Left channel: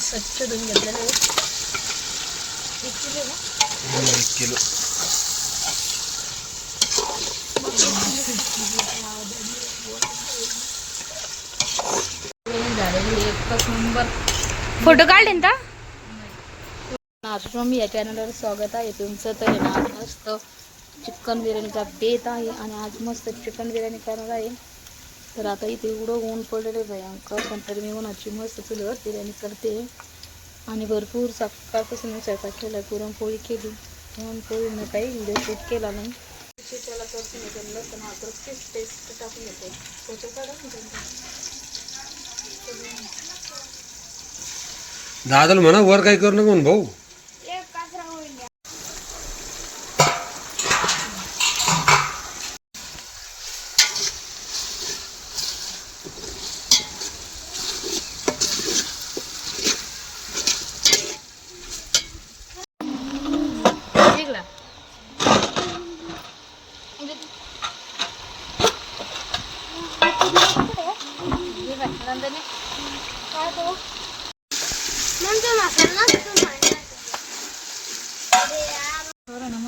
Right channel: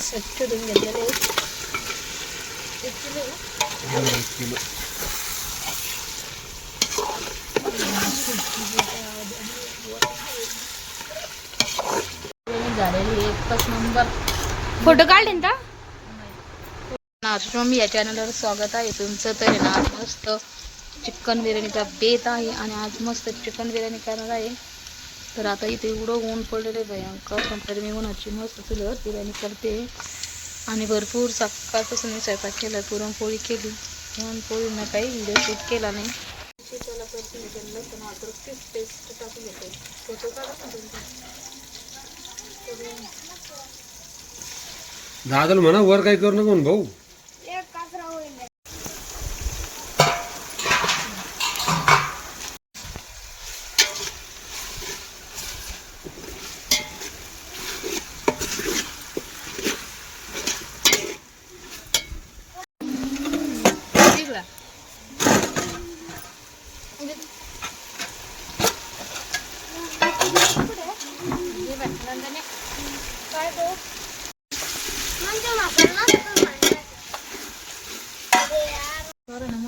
स्वच्छ धुवून घेतलेले 1 किलो ना 1 किलो झालेली एकच नंबर. फोटो काढले ना आश्रम या चॅनलवर स्वागत आहे तुमचं. तर आहे ना आज मस्त चिकन बिर्याणीचा बेत आहे आणि आज मस्त चिकन बिर्याणी करणार आहे. तर आता इथे एवढं ऊन पडलेलं आहे भयंकर, पण तरी मी उन्हाची मस्त चुलीवर बिर्याणी करते. आणि भरपूर सकाळपासून मी स्वयंपाक केला, पुरणपोळी केली. पुरणपोळीनं काही व्हिडिओ शूट केला नाही. त्याला करते मी त्यांना लसूण अद्रकची पेस्ट टाकून घेते. फोटो काढा ना त्यांचा. दादाला म्हणा वर काही करू नको भाऊ.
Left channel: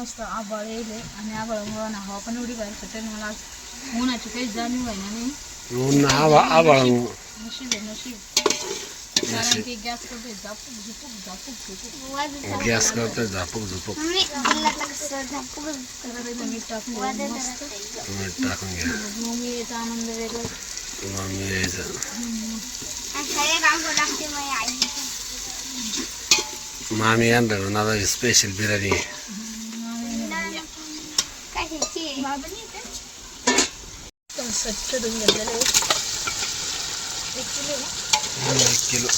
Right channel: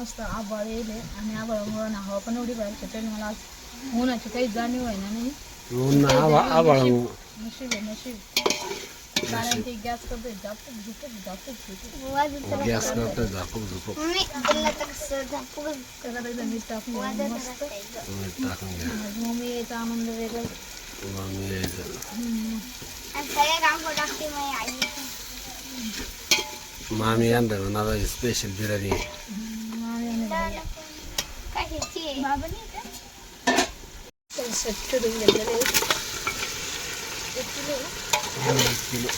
मस्त आबाळ येईल आणि आबाळामुळे ना हवा पण एवढी बाहेर सुटेल. मला आज उन्हाची काही जाणीव आहे ना नाही. नशीब आहे नशीब. कारण की गॅस करतोय झापूक झुपूक झापूक गॅस करतोय झापूक झुपूक. मीठ टाकून मस्त टाकून घ्या. मम्मी याचा आनंद वेगळा. मम्मी यायचं मामी यांना स्पेशल बिर्याणी स्वच्छ धुवून घेतलेले 1 किलो ना 1 किलो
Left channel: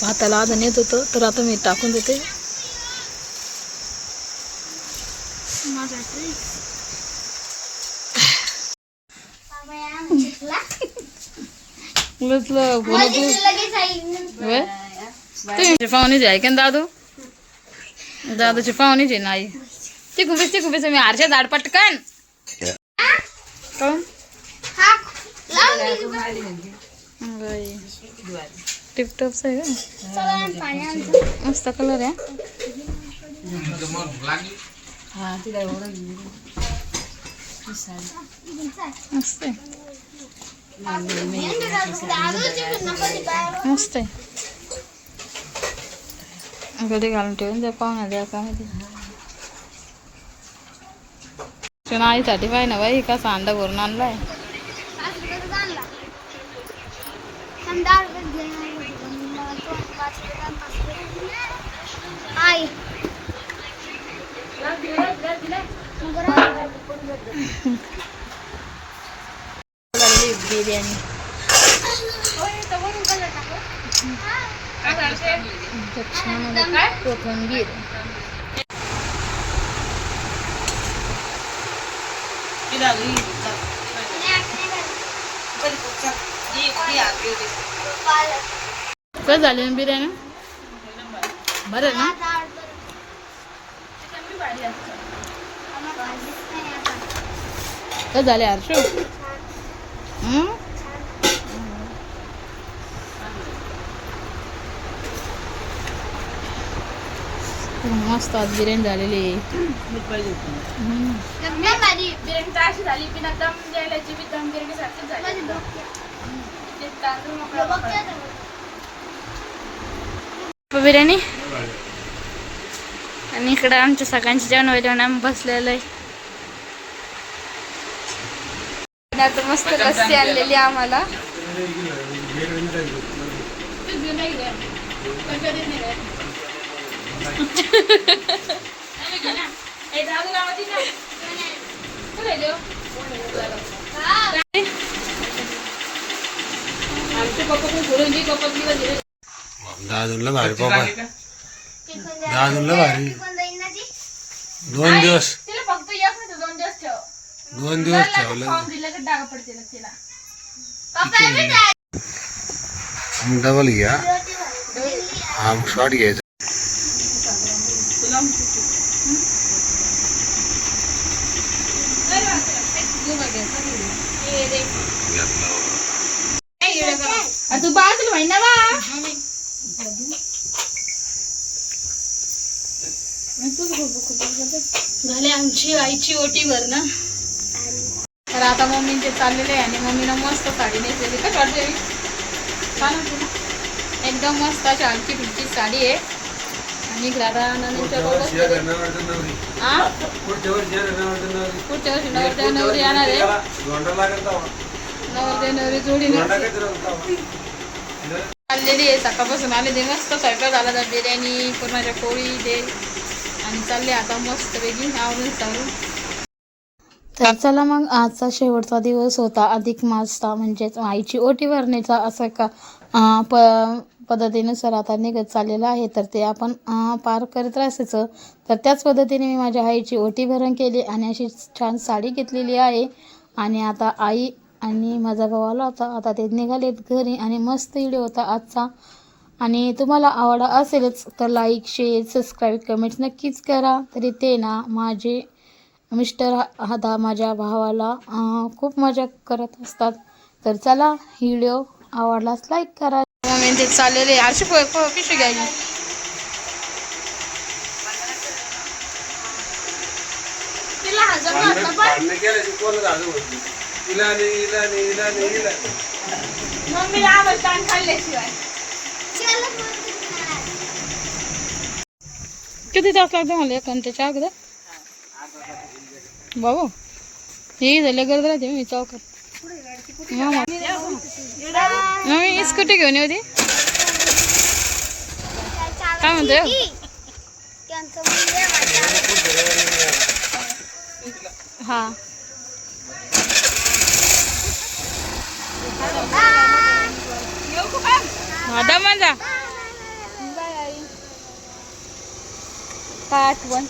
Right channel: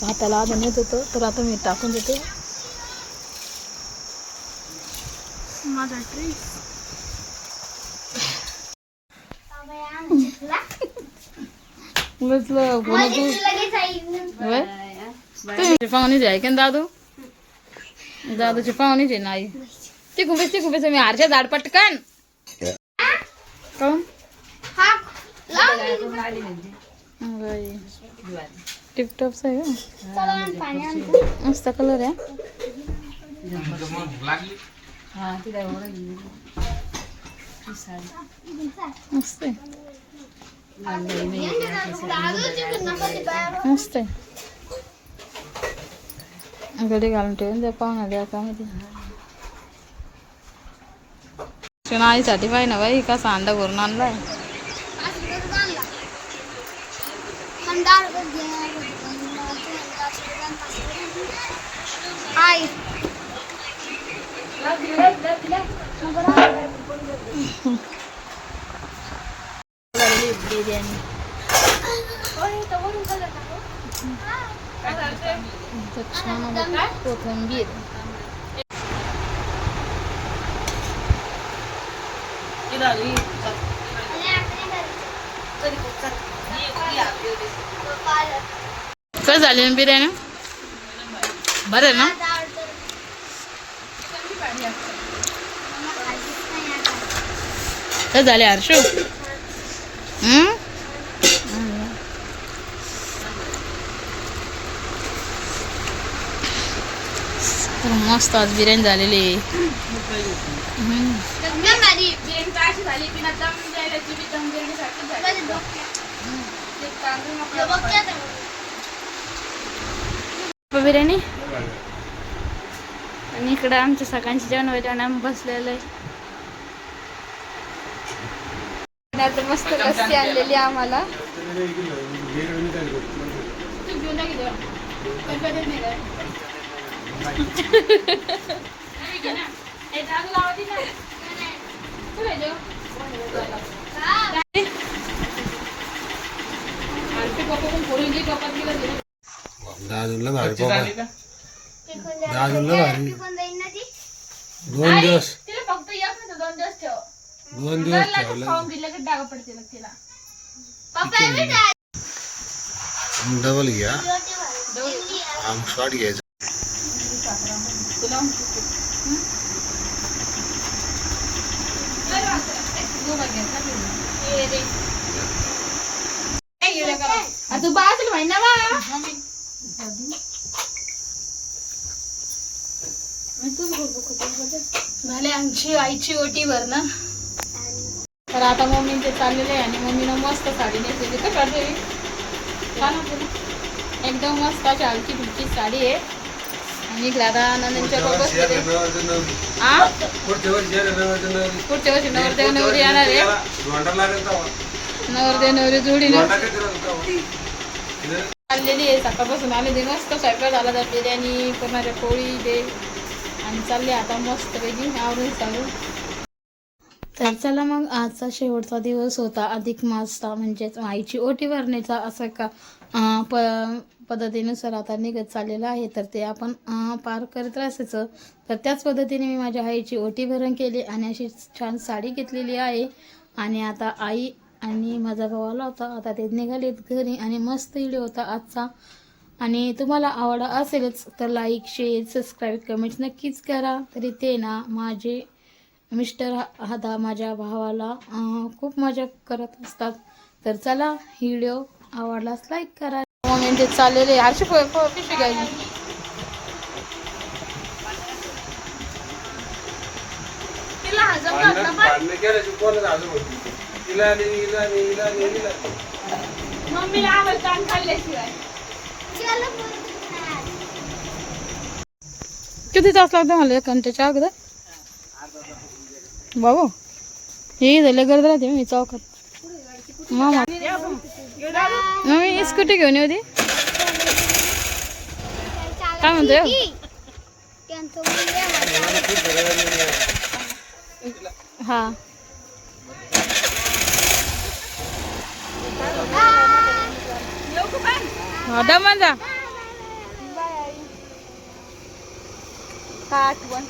भाताला आधण येत होतं, तर आता मी टाकून देते. माझा पाहुणीच आहे का दादू? दादूची पाहुणीच आहे नाही. चिकून मी हारच्या झाड पटकन टिपटॉपच आहे का? मस्त कलर आहे. मस्त मस्त आहे. कधी घालून ठेवून द्या पाहुणा द्या का माहिती. आईसाठी पाहिजे ना बाई, कसा अंडा भरून आणलाय. बिर्याणी कोथिंबीर काय झाली ना बिर्याणी बरं ना. काय झाले हर्षू? मस्त आज बिर्याणी झालेली आहे. बिर्याणी आणि इकडं आमच्या सगळ्यांची जेवण व्हायला आम्ही बसलेलं आहे. आता मस्त लस्सी आणलेली आम्हाला. दादूला भारी पप्पा, दादूला भारी. 2 दिवस 2 दिवस ठेवलं. डबल घ्या हा मग शॉर्ट घ्यायचा. तू बाजूला माहिती ना बा झाले आमची आईची ओटी भरणं. तर आता मम्मीचे चाललेले आहे आणि मम्मीनं मस्त साडी नेसलेली का काढते मी छान होती ना एकदम मस्त अशी हलकी फिलकी साडी आहे. आणि राधा नानांच्या पुढच्या वर्षी नवरदेव नवरी येणार आहे. नवरदेव नवरी जोडीने चाललेली आहे. सकाळपासून आले ते मस्त स्वयंपाक झाला तर बिर्याणी पुरणाच्या पोळी दे आणि चालले आता मस्त पैकी आवरून चालू. तर चला मग आजचा शेवटचा दिवस होता अधिक मासचा म्हणजेच आईची ओटी भरणीचा असं का पद्धतीनुसार आता निघत चाललेलं आहे. तर ते आपण पार करत असायचं. तर त्याच पद्धतीने मी माझ्या आईची ओटी भरण केली आणि अशी छान साडी घेतलेली आहे. आणि आता आई आणि माझा भाऊ आला होता. आता ते निघालेत घरी आणि मस्त व्हिडिओ होता आजचा. आणि तुम्हाला आवड असेलच तर लाईक शेअर सबस्क्राईब कमेंट्स नक्कीच करा. तरी ते ना माझे मिस्टर आता माझ्या भावाला खूप मजा करत असतात. तर चला व्हिडिओ आवडलाच लाईक करा. मम्मी ते चाललेले अशी पिशवी घ्यायची. किती तास लागतो मला 1 घंट्याच्या अगोदर बाबू हे झालं गर्द राहते मी चौकात. मम्मी स्कूटी घेऊन येऊ दे काय म्हणते. हा हा दमन जा काय आठवण